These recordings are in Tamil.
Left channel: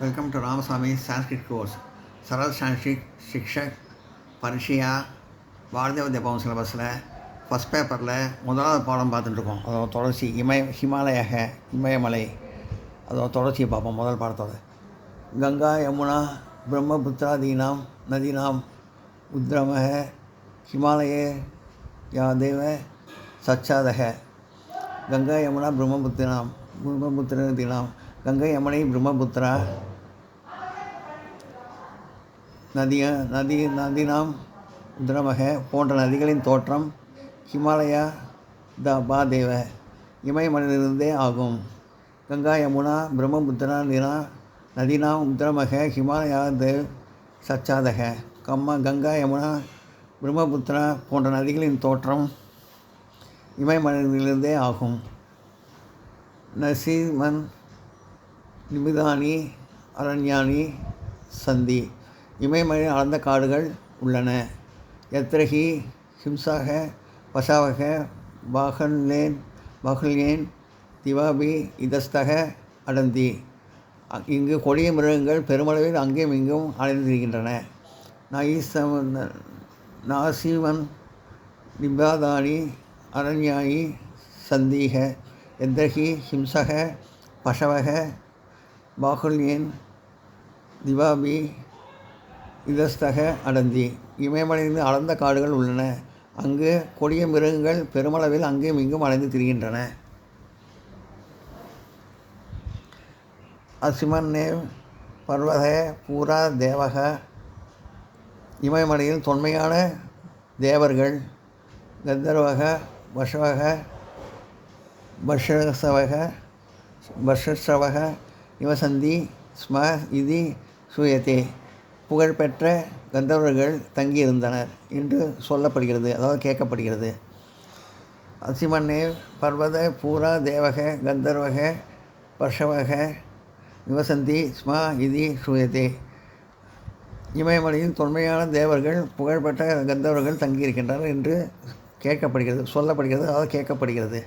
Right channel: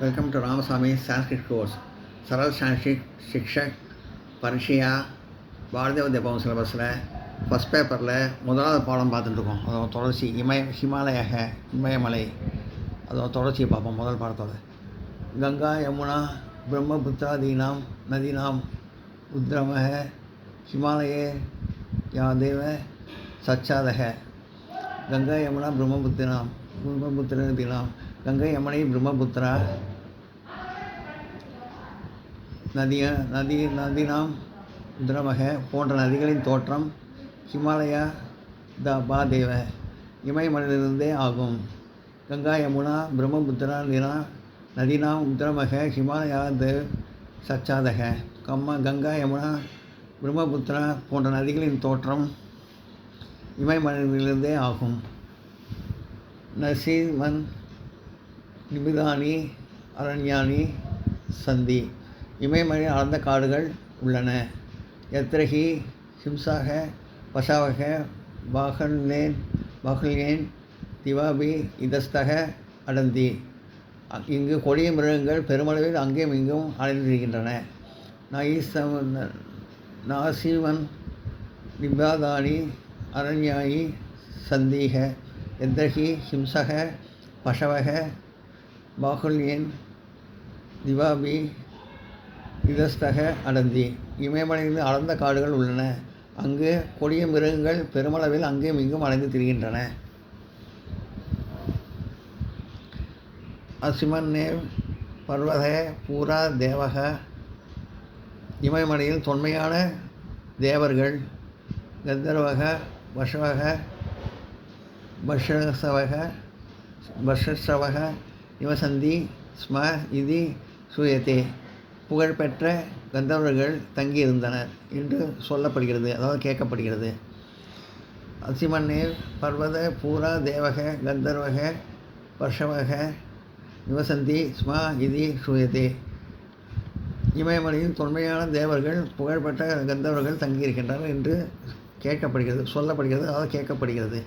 Welcome to Ramaswamy Sanskrit course. Saral Sanskrit Shikshak பரிஷையா Bharatiya Vidya Bhavan சிலபஸில் ஃபஸ்ட் பேப்பரில் முதலாவது பாடம் பார்த்துட்டுருக்கோம். அதோட தொடர்ச்சி ஹிமாலயாக இமயமலை, அதோட தொடர்ச்சியை பார்ப்போம். முதல் பாடத்தோட கங்கா யமுனா பிரம்மபுத்திராதீனாம் நதீனாம் உத்ரமக ஹிமாலயே யாதேவ சச்சாதக. கங்கா யமுனா பிரம்மபுத்திராதீனாம் கங்கை யமுனை பிரம்மபுத்திரா நதினாம் உத்ரமக போன்ற நதிகளின் தோற்றம் ஹிமாலயா பாதேவ இமயமலையிலிருந்தே ஆகும். கங்கா யமுனா பிரம்மபுத்திரா நதினாம் உத்ரமக ஹிமாலயா சச்சாதக. கங்கா யமுனா பிரம்மபுத்திரா போன்ற நதிகளின் தோற்றம் இமயமலையிலிருந்தே ஆகும். நசீமன் நிமிதானி அரண்யானி சந்தி. இமயமலையில் அடர்ந்த காடுகள் உள்ளன. யத்ரஹி ஹிம்சாக பசாவக பாகல்யேன் திவாபி இதஸ்தக அடந்தி. இங்கு கொடிய மிருகங்கள் பெருமளவில் அங்கேயும் இங்கும் அலைந்திருக்கின்றன. நாசீமன் நிபாதானி அரண்யாயி சந்தீக. யத்ரஹி ஹிம்சக பசவக பாகுல்யேன் திவாபி இதஸ்தக அடந்தி. இமயமலையிலிருந்து அடர்ந்த காடுகள் உள்ளன. அங்கு கொடிய மிருகங்கள் பெருமளவில் அங்கேயும் இங்கும் அலைந்து திரிகின்றன. அசிமன்னேவ் பர்வத பூரா தேவக. இமயமலையில் தொன்மையான தேவர்கள் கந்தர்வக பஷசவக நிவசந்தி ஸ்ம இது சூயத்தே. புகழ்பெற்ற கந்தர்வர்கள் தங்கியிருந்தனர் என்று சொல்லப்படுகிறது, அதாவது கேட்கப்படுகிறது. அசிமன்னே பர்வத பூரா தேவக கந்தர்வக பஷவக நிவசந்தி ஸ்ம இது சூயத்தே. இமயமலையில் தொன்மையான தேவர்கள் புகழ்பெற்ற கந்தர்வர்கள் தங்கியிருக்கின்றனர் என்று கேட்கப்படுகிறது, சொல்லப்படுகிறது, அதாவது கேட்கப்படுகிறது.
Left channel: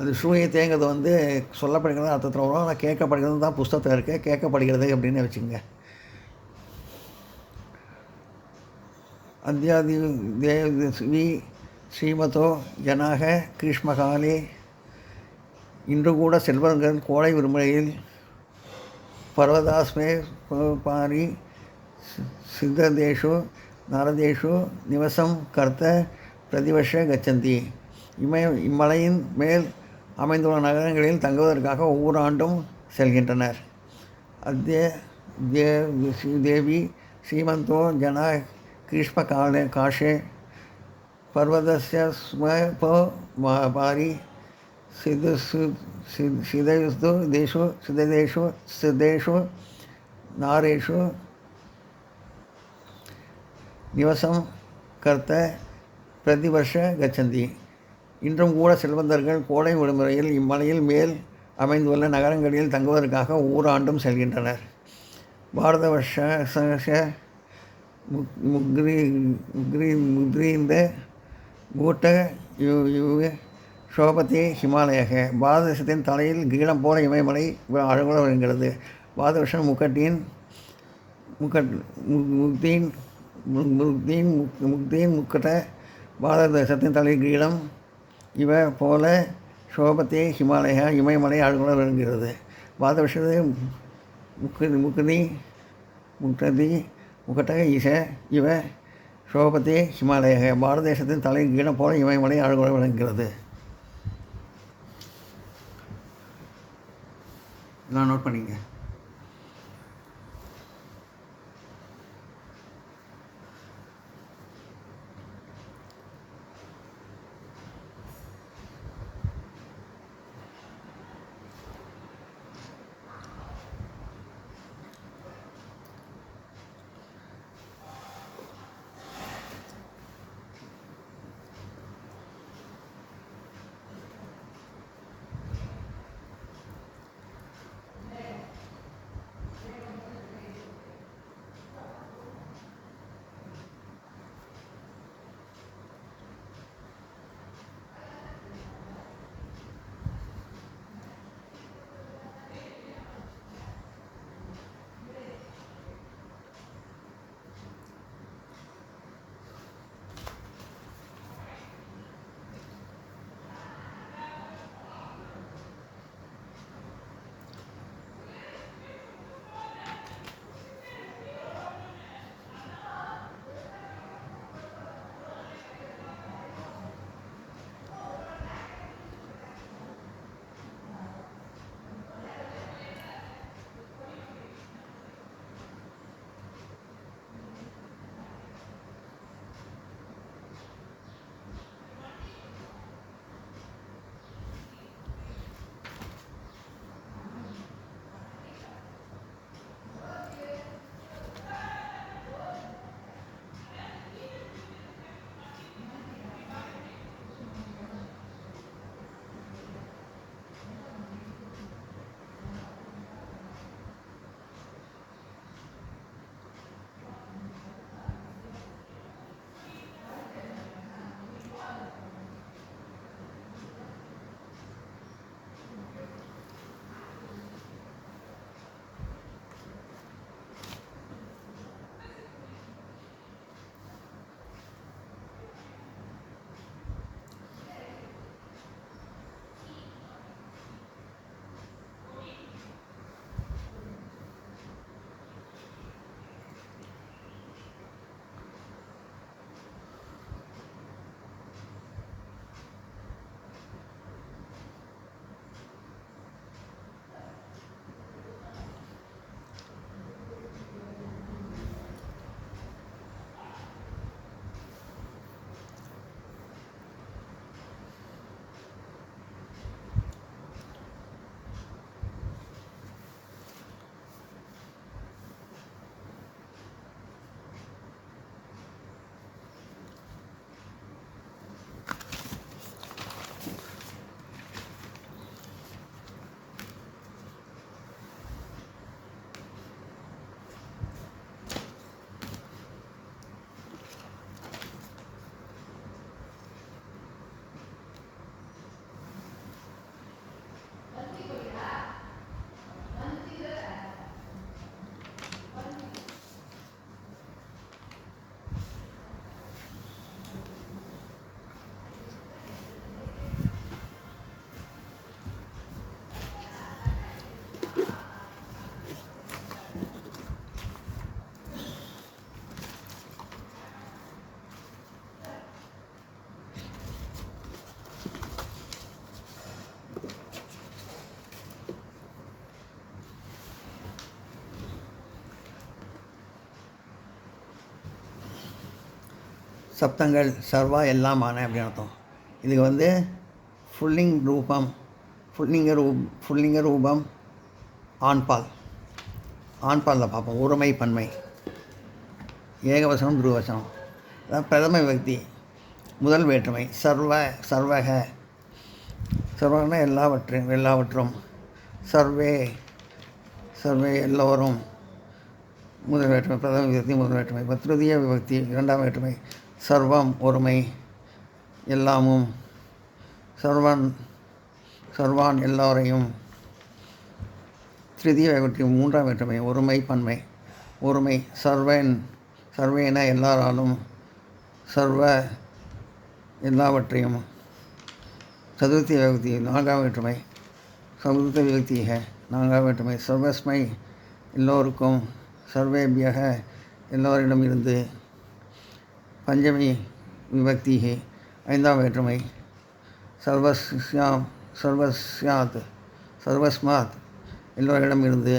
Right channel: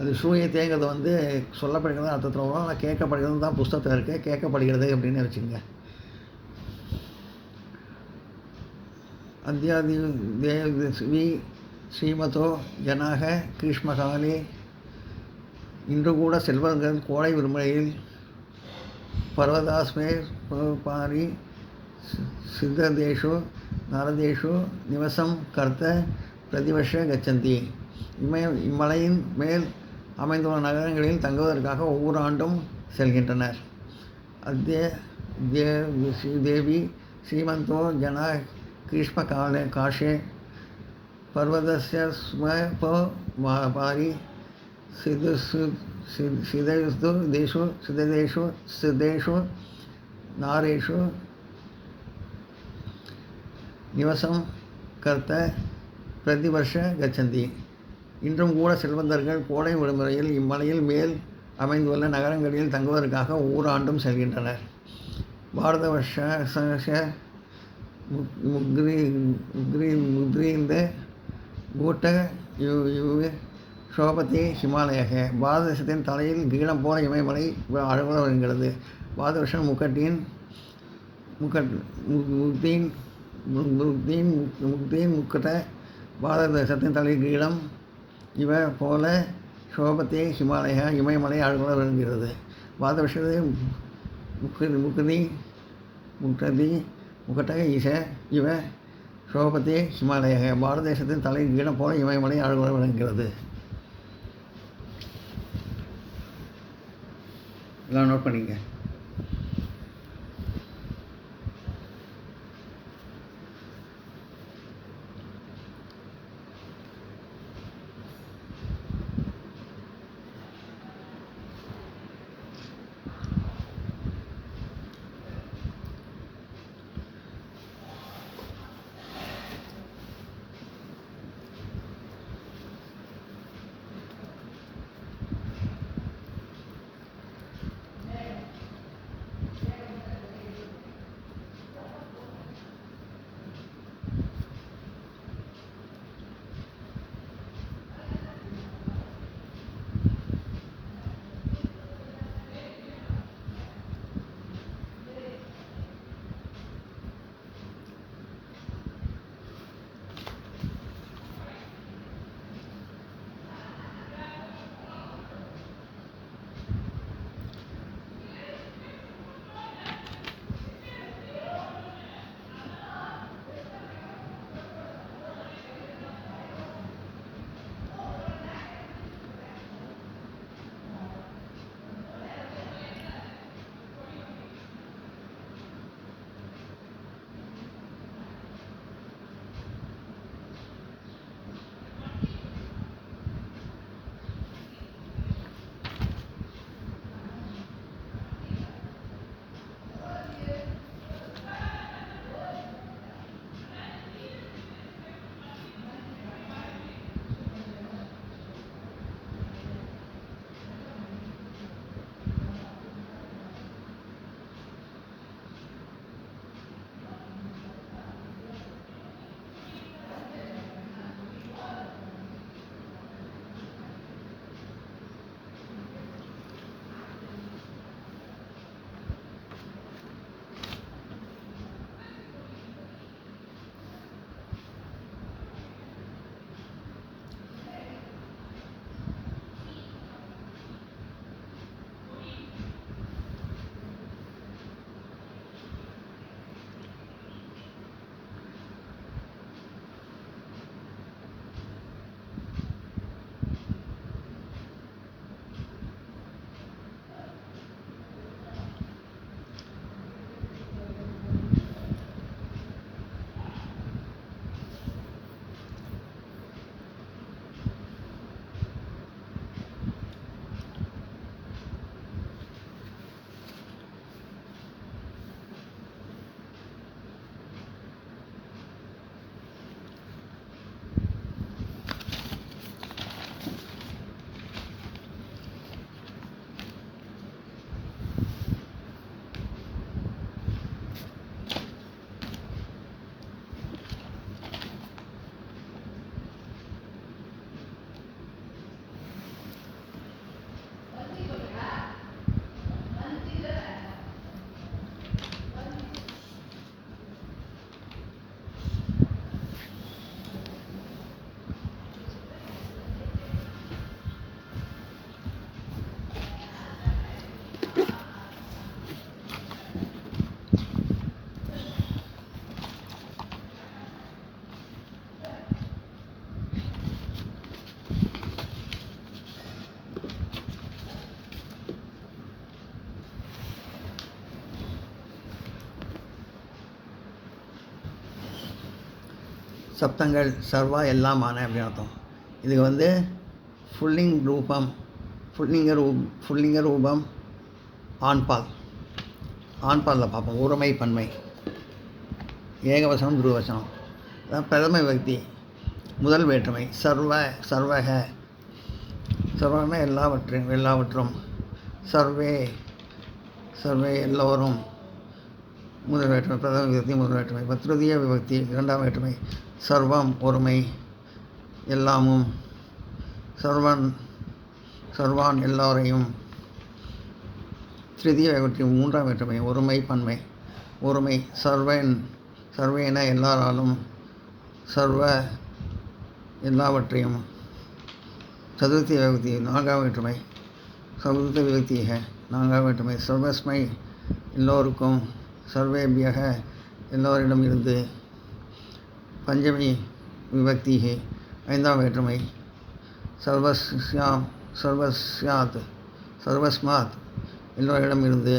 அது சூயத்தேங்கிறது சொல்லப்படுகிறது அர்த்தத்தில் வரும். அதை கேட்கப்படுகிறது தான் புஸ்தகத்தில் இருக்குது. கேட்கப்படுகிறது அப்படின்னு வச்சுக்கோங்க. அத்தியாதி தேவி ஸ்ரீமதோ ஜனாக கிருஷ்மகாலே. இன்று கூட செல்வங்கள் கோடை விடுமுறையில் பர்வதாஸ்மே பாரி சித்ததேஷு நரதேஷு நிவசம் கர்த்த பிரதிவர்ஷ கச்சந்தி. இம்மலையின் மேல் அமைந்துள்ள நகரங்களில் தங்குவதற்காக ஒவ்வொரு ஆண்டும் செல்கின்றனர். தேவி ஸ்ரீமந்தோ ஜன கிருஷ்ம காஷே பர்வதஸ்ய பாரி சிதேஷு நாரேஷு நிவசம் கர்த்த பிரதிவர்ஷ கச்சந்தி. இன்றும் கூட செல்வந்தர்கள் கோடை விடுமுறையில் இம்மலையில் மேல் அமைந்துள்ள நகரங்களில் தங்குவதற்காக ஒவ்வொரு ஆண்டும் செல்கின்றனர். பாரத வருஷ முக்ரீந்த கூட்ட சோபதி ஹிமாலயக. பாரத தேசத்தின் தலையில் கீழம் போல இமயமலை அழகுல வருகிறது. பாரத வருஷம் முக்கட்ட. பாரத தேசத்தின் தலையில் கீழம் இவ போல சோபத்தே ஹிமாலய இமயமலை அழகுல வருகிறது. பாரத வருஷத்து முக்கட்டக ஈச இவ சோபத்தே ஹிமாலய. பாரத தேசத்தின் தலையில் கீழம் போல இமயமலை அழகுல விளங்குகிறது. இதெல்லாம் நோட் பண்ணிங்க. சப்தங்கள் சர்வா எல்லாமான அப்படின்னு அர்த்தம். இதுக்கு வந்து புல்லிங் ரூபம், புல்லிங்க ரூபம் ஆண்பால். ஆண்பாலில் பார்ப்போம். ஒருமை பன்மை, ஏகவசனம் துருவசனம். அதான் பிரதம விபக்தி முதல் வேற்றுமை. சர்வக, சர்வகன்னா எல்லாவற்றும். சர்வே எல்லோரும் முதல் வேற்றுமை. பிரதம விபக்தி முதல் வேற்றுமை. இப்போ திருதிய விபக்தி இரண்டாம் வேற்றுமை. சர்வம் ஒருமை, எல்லாமும். சர்வான் எல்லோரையும். திருதிய விபக்தி மூன்றாம் வேற்றுமை. ஒருமை பன்மை. ஒருமை சர்வேன எல்லாராலும், சர்வ எல்லாவற்றையும். சதுர்த்திய விபக்தி நான்காம் வேற்றுமை. சதுர்த்த விபக்திக நான்காம் வேற்றுமை. சர்வஸ்மை எல்லோருக்கும், சர்வேபியக எல்லோரிடம் இருந்து. பஞ்சமி விபக்திகி ஐந்தாம் வேற்றுமை. சர்வஸ்மாத் எல்லோரிடம் இருந்து.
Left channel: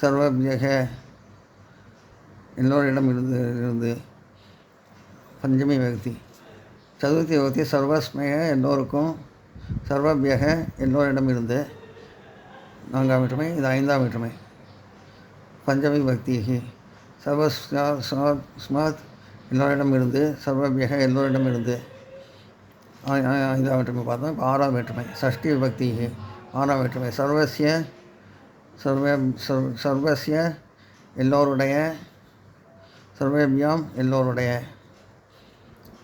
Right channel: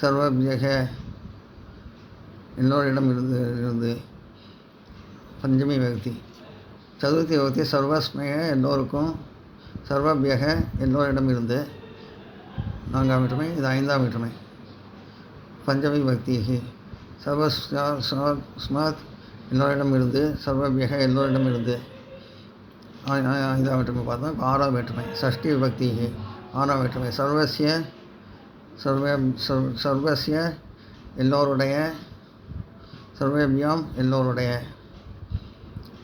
சர்வபியக எல்லோரிடம் இருந்து பஞ்சமி விபக்தி. சதுர்த்தி விபக்தி சர்வஸ்மய எல்லோருக்கும், சர்வபியக எல்லோரிடம் இருந்து நான்காம் வேற்றுமை. இது ஐந்தாம் வேற்றுமை. பஞ்சமி விபக்தி சர்வஸ்மாத் எல்லோரிடம் இருந்து, சர்வபியக எல்லோரிடம் இருந்து ஐந்தாம் வேற்றுமை பார்த்தோம். இப்போ ஆறாம் வேற்றுமை. சஷ்டி விபக்தி ஆறாம் வேற்றுமை. சர்வஸ்ய எல்லோருடைய, சர்வேபியாம் எல்லோருடைய.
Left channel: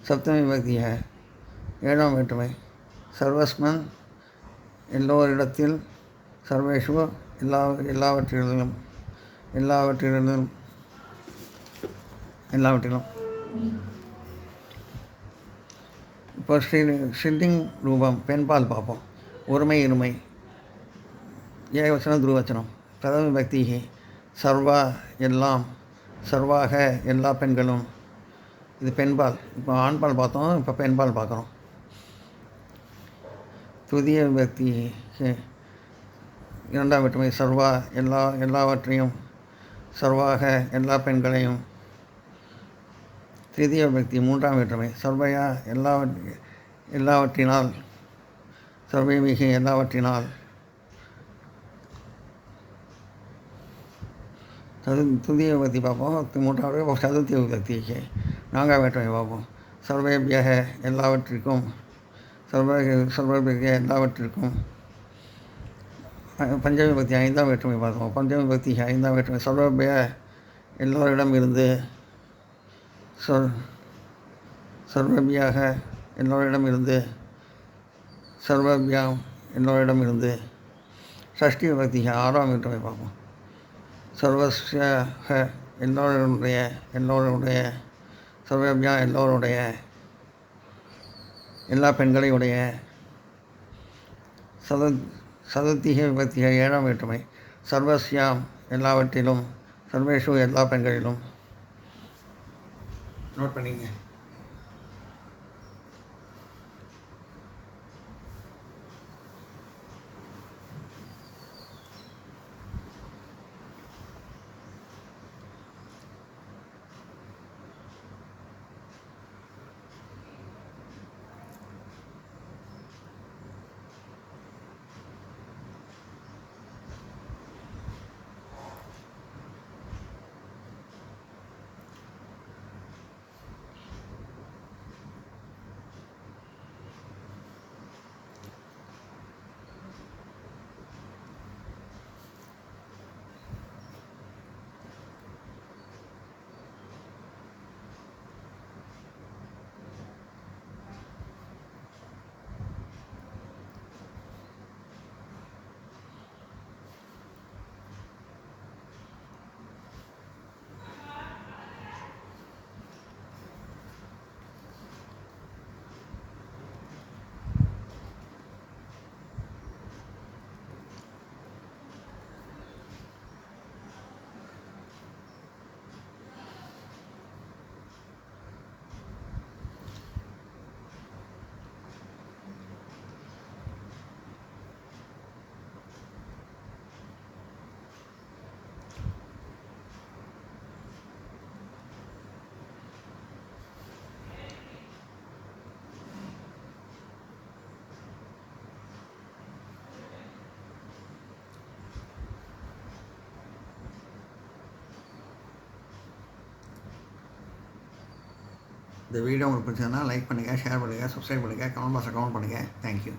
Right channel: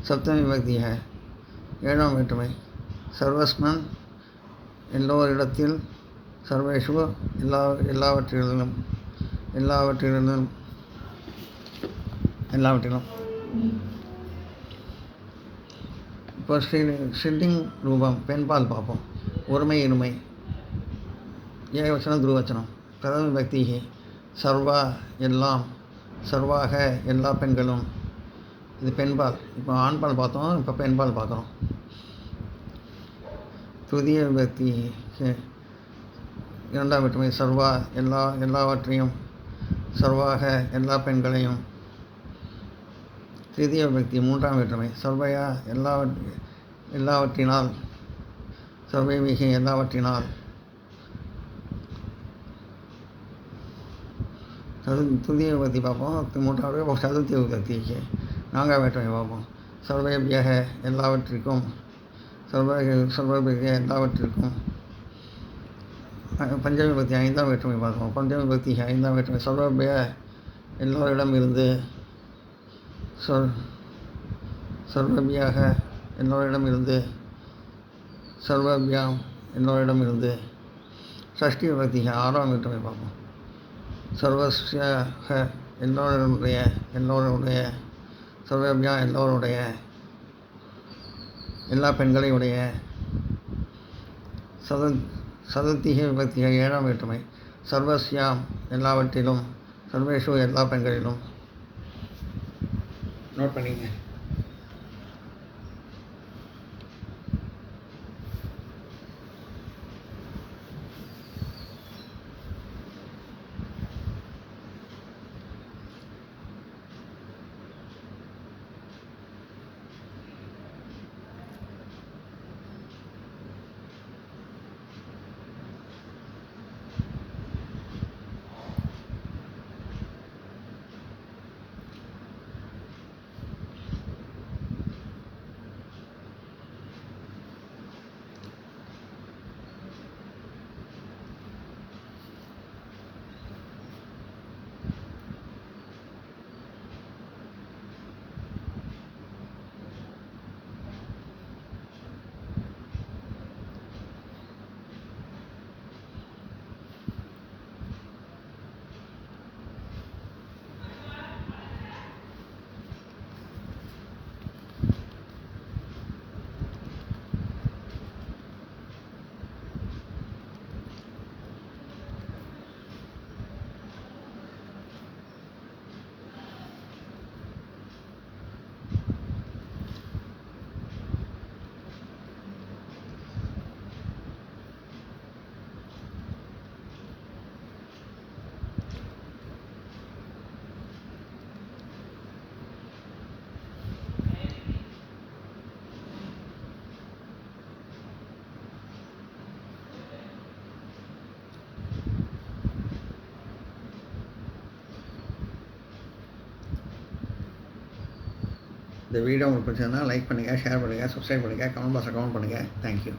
சப்தமி விபக்தி ஏழாம் வேற்றுமை. சர்வஸ்மன் எல்லோரிடத்தில், சர்வேஷு எல்லாவற்றிலும். இப்போ ஸ்ரீலிங் ரூபம் பெண்பால் பார்ப்போம். ஒருமை இருமை, ஏகவச்சனம் துருவச்சனம். பிரதம விபக்தி சர்வா எல்லாம், சர்வாக எல்லா பெண்களும். இது பெண்பால். இப்போ ஆண்பால் பார்த்தோம், இப்போ பெண்பால் பார்க்குறோம். துதிய விபக்தி இரண்டாம் வேற்றுமை. சர்வா எல்லாவற்றையும், சர்வாக எல்லா பெண்களையும். திருதிய விபக்தி மூன்றாம் வேற்றுமை. சர்வையா எல்லாவற்றினால், சர்வைமிகு எல்லாவற்றினால். துதிய விபக்தி பார்ப்போம். மூன்றாவது சதுர்த்தி விபக்திக்கு நான்காம் வேற்றுமை பார்ப்போம். சர்வேபியக எல்லாவற்றிற்கும், சர்வபியக எல்லாவற்றிற்கும். பஞ்சமி விபக்தி ஐந்தாம் வேற்றுமை பார்ப்போம். பஞ்சமி விபக்தி ஐந்தாம் வேற்றுமை. சர்வபிய எல்லோரிடம் இருந்து, சர்வபியாக எல்லோரிடம் இருந்து, சர்வபியாம் எல்லோரிடம் இருந்து. சஷ்டி விபக்தி ஆறாம் வேற்றுமை பார்ப்போம். சர்வஸ்யாக எல்லோருடைய, சர்வபியா எல்லோருடைய, எல்லா பெண்களையுடைய. சதுர்த்திக விபக்திக ஏழாம் வேற்றுமை. சர்வஸ்யாம் எல்லாவற்றிலும், சர்வேஷு எல்லா பெண்களிலும். நோட் பண்ணிங்க. இந்த வீடியோ உங்களுக்கு பிடிச்சதுன்னா லைக் பண்ணுங்கள், ஷேர் பண்ணுங்கள், சப்ஸ்கிரைப் பண்ணுங்கள், கமெண்ட் பாக்ஸில் கமெண்ட் பண்ணுங்கள். தேங்க்யூ.